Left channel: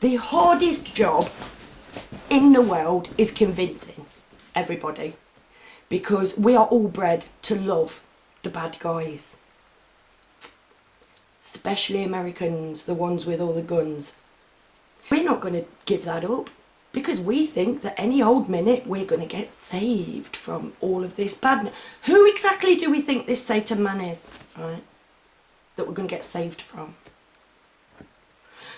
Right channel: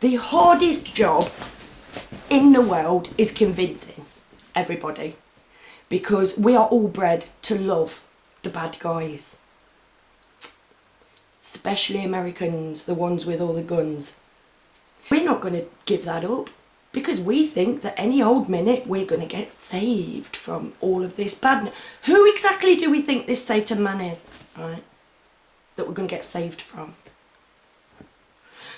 The hardest job in the world is convincing everybody, because we are all bred to love the bad guys. Especially Americans, the ones with all the guns. We're not going to give that up, because we think that any old minute we're going to get saved from all of this badness. Who exactly do we think this Satan man is, right? That we're going to get saved from?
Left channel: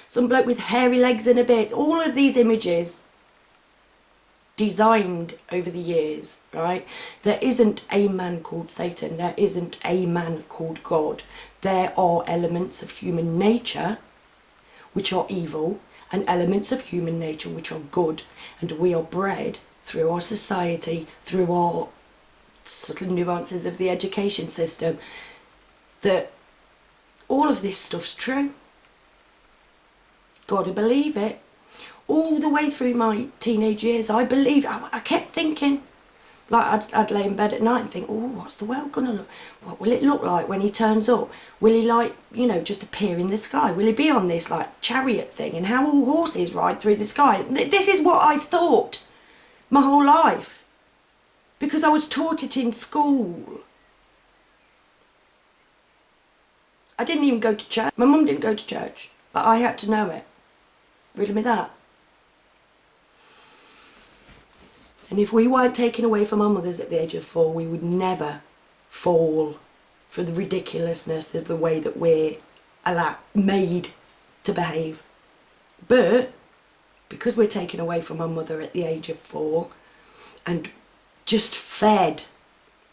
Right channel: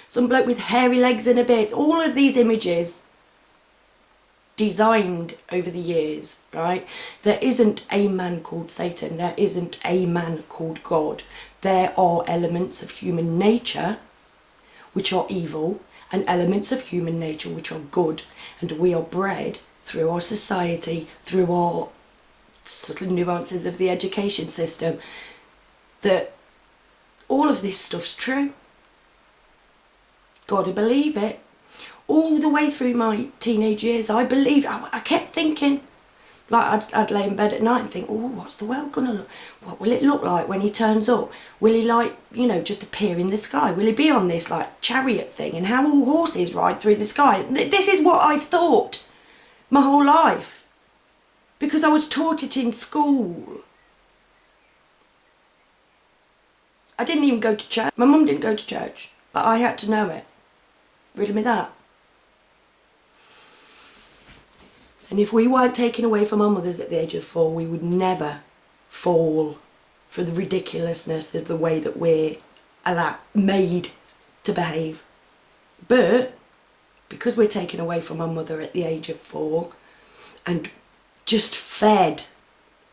Some bloke with hairy legs and a beard. All of these images designed over the years, right? There isn't a man called Satan. There isn't a man called God. There are elements of human nature which are evil and elements of human nature which are good, and we are bred through our society, through our subtle nuances of the education system, that all of this stuff's true. Gotta believe it. All the way through my teenage years, I believed. I kept thinking, like I'd lay in bed at night and think, oh, what's the world gonna look? What will it look like when he turns up? Will he, like, you know, just appear in the sky? Will he be on this like chariot thing? And how will horses ride through the sky? This is what I've thought my whole life, because I was taught it in school. I didn't even go to church. My mum didn't go to church, but I had to know it. Riddle me that. And if we weren't taken away from our mothers at the age of 4, we would never fall for the ridiculousness of the way that we're made to behave. But because we're taken away from our mother at the age of 4 and just fed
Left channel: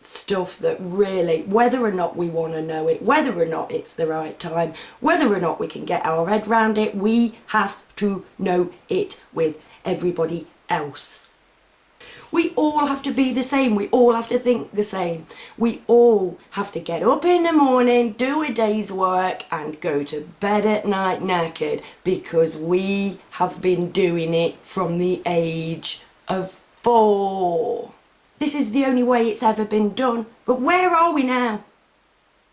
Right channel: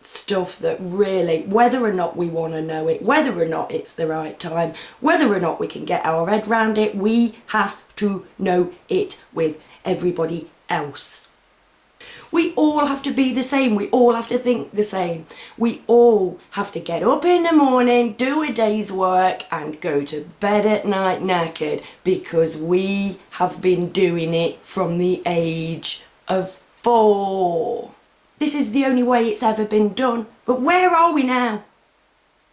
stuff that really, whether or not we want to know it, whether or not it's the right time, whether or not we can get our head round it, we have to know it with everybody else. We all have to be the same. We all have to think the same. We all have to get up in the morning, do a day's work and go to bed at night knackered, because we have been doing it from the age of 4. This is the only way it's ever been done. But where are we now?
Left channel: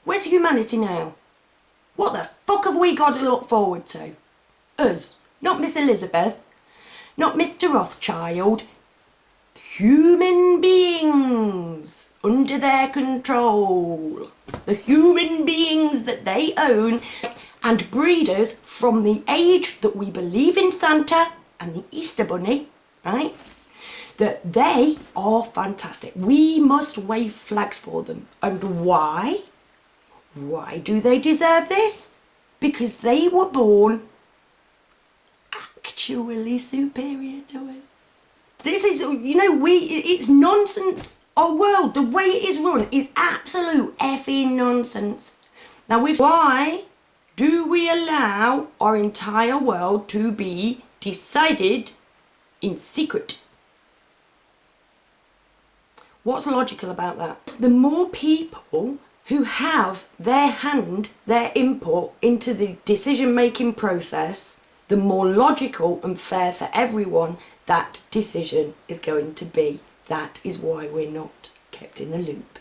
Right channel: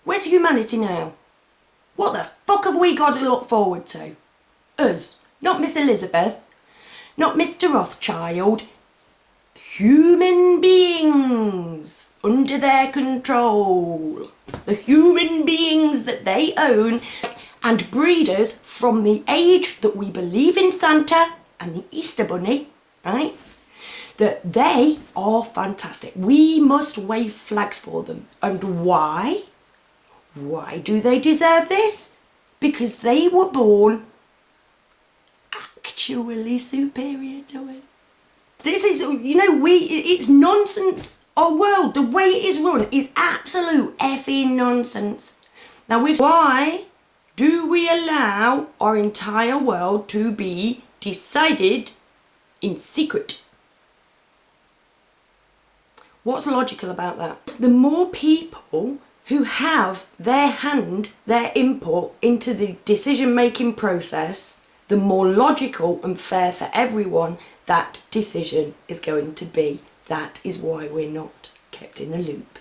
Where's humanity now? What the fuck have we got to look forward to? Us. Not Miss Elizabeth. Not Mr. Rothschild. Human beings under their control. The human beings that they own, and breeders from the age that we believe in Santa and the Easter Bunny, right? That they are fantastic. We must wave flags for them. And why? Why do they deserve this? Because they were born actually superior to us. This is, you know, it's nonsense. Our world, the way it is run, is absolute effing nonsense. Now, why do we allow our entire world to be decided in secret? What's logical about that? The more people who have their hand, their input into the decision-making process, the more logical and fair for everyone that decision is going to be. That is why we're not kept in the loop.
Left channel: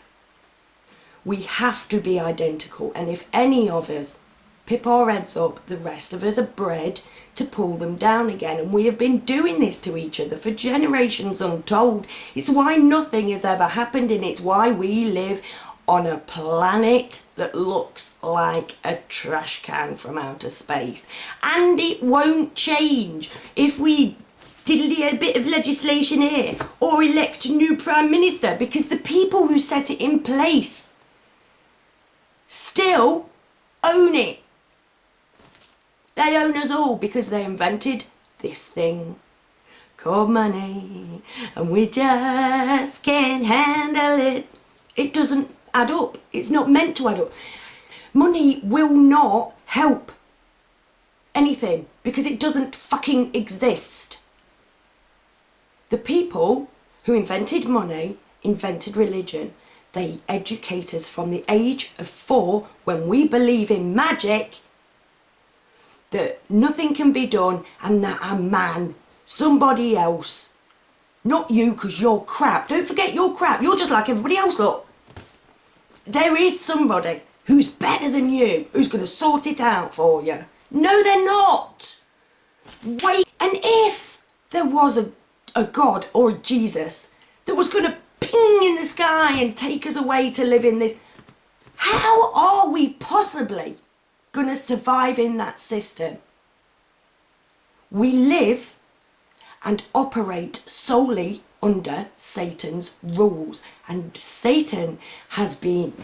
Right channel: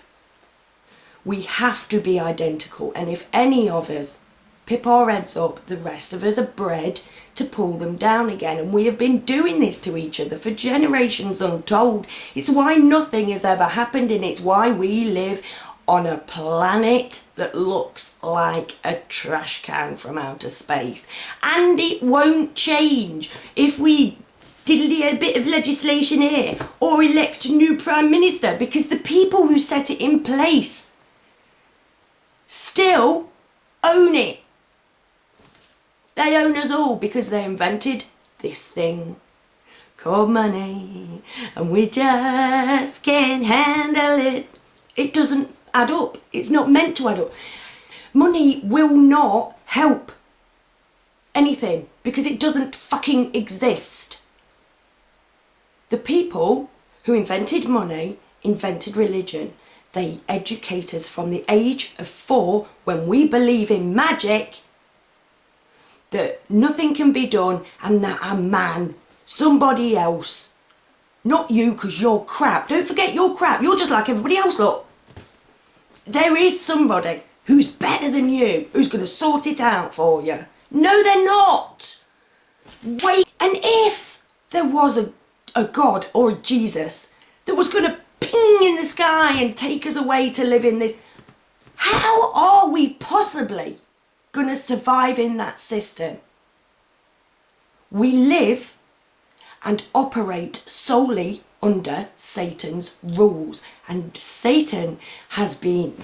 We have to be identical, and if any of us pip our heads up, the rest of us are bred to pull them down again, and we have been doing this to each other for generations untold. It's why nothing has ever happened, and it's why we live on a planet that looks like a trash can from outer space. And it won't change if we diddly a bit of legislation here or elect a new Prime Minister, because the people who set it in place still own it. They own us all because they invented this thing called money, and we just can't handle it. It doesn't add up. It's not meant to add up. Money will not help anything because it doesn't fucking exist. The people who invented money invented religion. They educate us from the age of 4, when we believe in magic, that nothing can be done, and that a man, somebody else, not you because you're crap. Don't forget you're crap. You're just like everybody else, look. There is somebody who's better than you, who's going to sort it out for you. No, they're not. wait. And if there was a God or a Jesus that was going to ping in the sky and take us away to live in this, how are we possibly going to survive in that system? We live and operate solely under Satan's rules, and Satan has been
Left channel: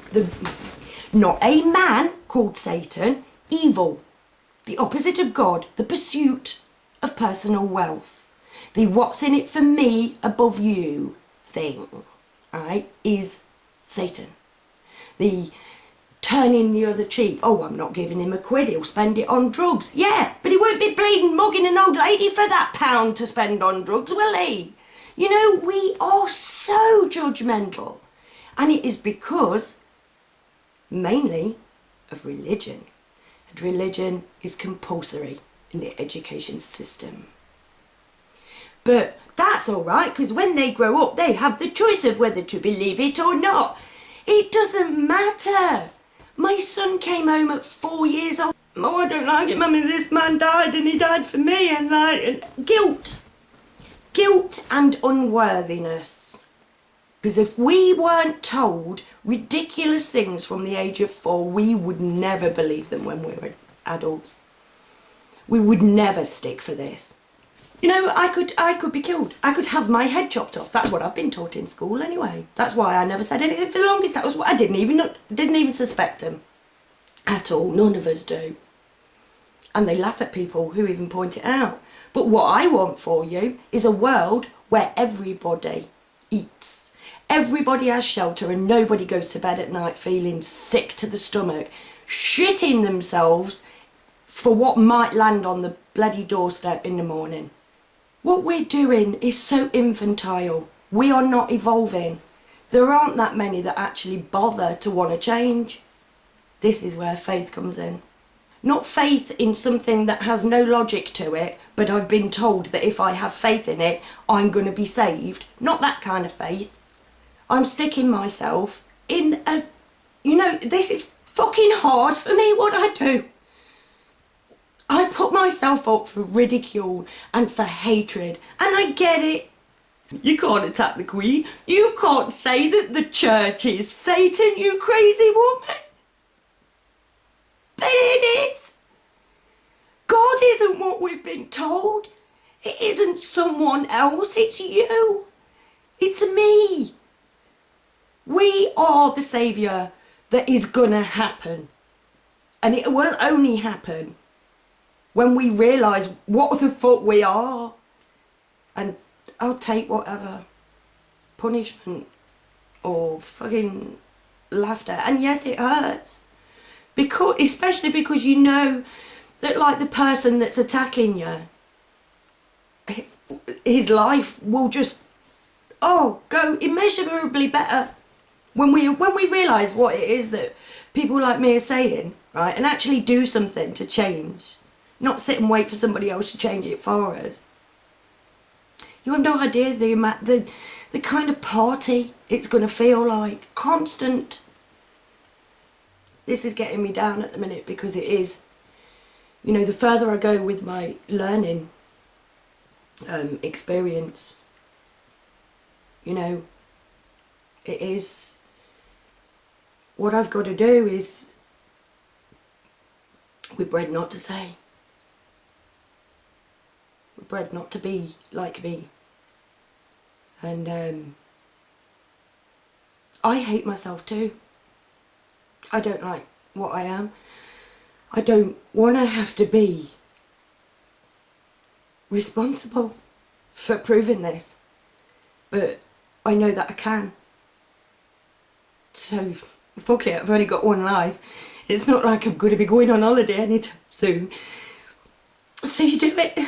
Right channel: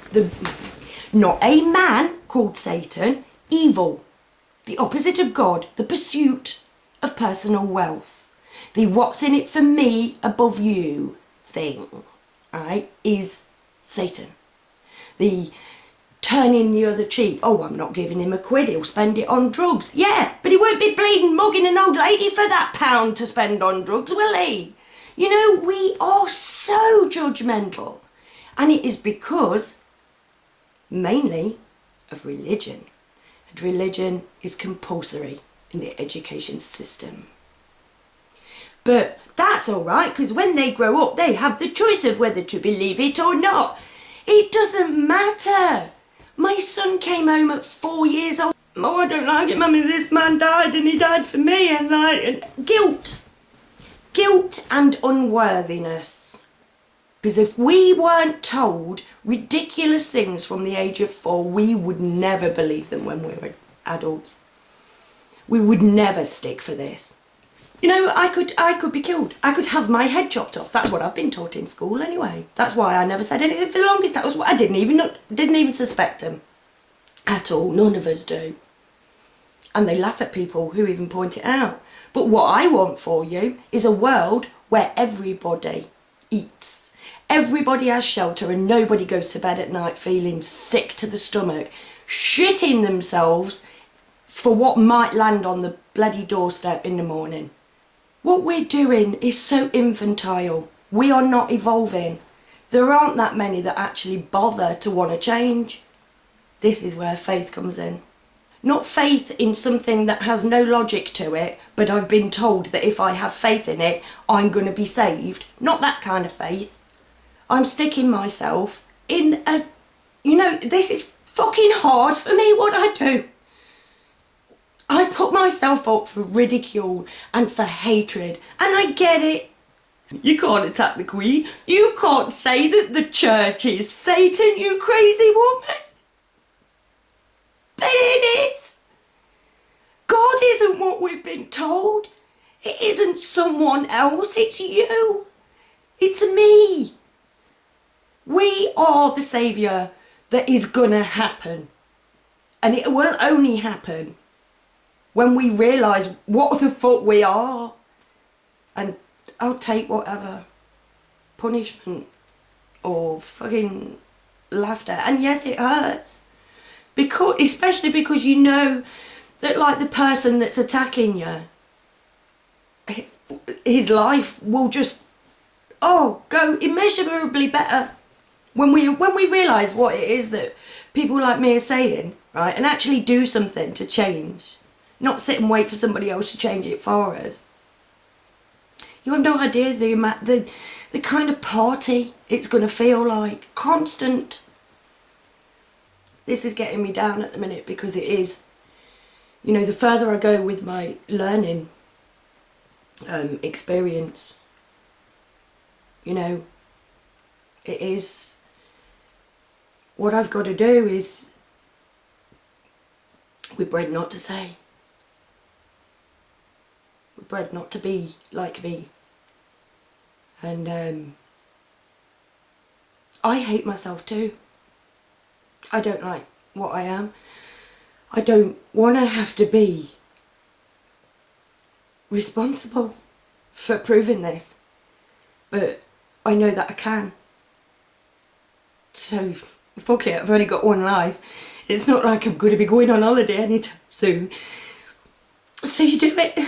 not a man called Satan, evil, the opposite of God, the pursuit of personal wealth, the what's in it for me above you thing, right, is Satan. The turning the other cheek. Oh, I'm not giving him a quid, he'll spend it on drugs. Yeah, but he won't be bleeding mugging an old lady for that £1 to spend on drugs, will he? You know, we are so judgmental. And it is because, mainly, of religion. And religion is compulsory in the education system. But that's all right, because when they grow up, they have the choice of whether to believe it or not. It doesn't matter. My son came home at 4 years old. Oh, I don't like it, Mummy, this man died and he died for me. And guilt and unworthiness. Because if we weren't told ridiculous things from the age of 4, we would never believe them when we were adults. We would never stick for this. You know, I could be killed. I could have my head chopped off. That's what I've been taught in school anyway. That's why I never said anything for the longest. That was what I didn't even suspect them at all. None of us do. And they laugh at people who even point it out. But what I want for you is a world where everybody eats. Everybody has shelter and nobody goes to bed at night feeling sick to the stomach, shitting themselves for what might land on the bloody doorstep in the morning. What we're doing is so infantile. We are not evolving. There aren't that many that actually bother to want to change. This is where faith comes in. Not faith in something that has no logic to it, but I've been told that if I have faith in it, I'm going to be saved. Not that kind of faith. I'm sticking myself in a... You know, this is fucking hard for me, what I do. I put myself up for ridicule and for hatred, and I get it. You can't attack the Queen. You can't say that the church is Satan, you crazy woman. But it is. God isn't what we've been told. It isn't someone else, it's you. It's me. We are the saviour that is gonna happen. And it will only happen when we realise what the fuck we are. And I'll take whatever punishment or fucking laughter. And yes, it hurts. Especially because you know that, like, the person that's attacking you, his life will just, go immeasurably better when we realise what it is that people like me are saying, right, and actually do something to change. Not sit and wait for somebody else to change it for us. You have no idea the kind of party it's going to feel like. Constant. This is getting me down at the minute because it is. You know, the further I go with my learning experience, you know, it is. What I've got to do is, we're bred not to say. We're bred not to be like me. And I hate myself too. I don't like what I am. I don't want to have to be responsible for proving this. But I know that I can. So, fuck it, I've only got one life. It's not like I'm going to be going on holiday anytime soon. So you do it.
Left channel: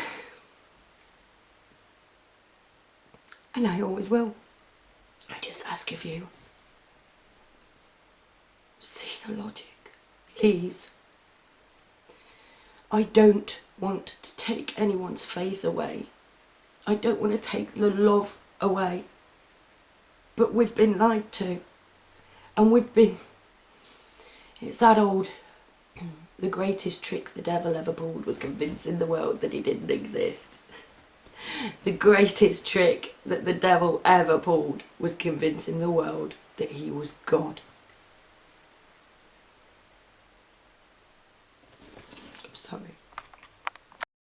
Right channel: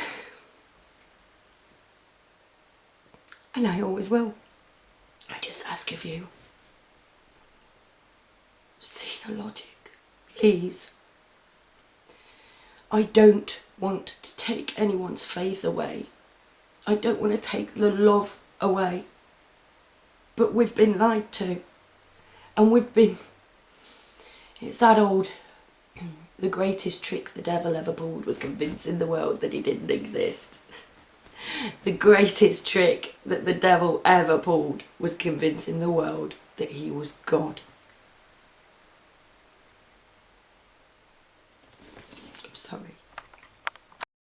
And I always will. I just ask of you, see the logic, please. I don't want to take anyone's faith away. I don't want to take the love away. But we've been lied to. And it's that old, The greatest trick the devil ever pulled was convincing the world that he didn't exist. The greatest trick that the devil ever pulled was convincing the world that he was God.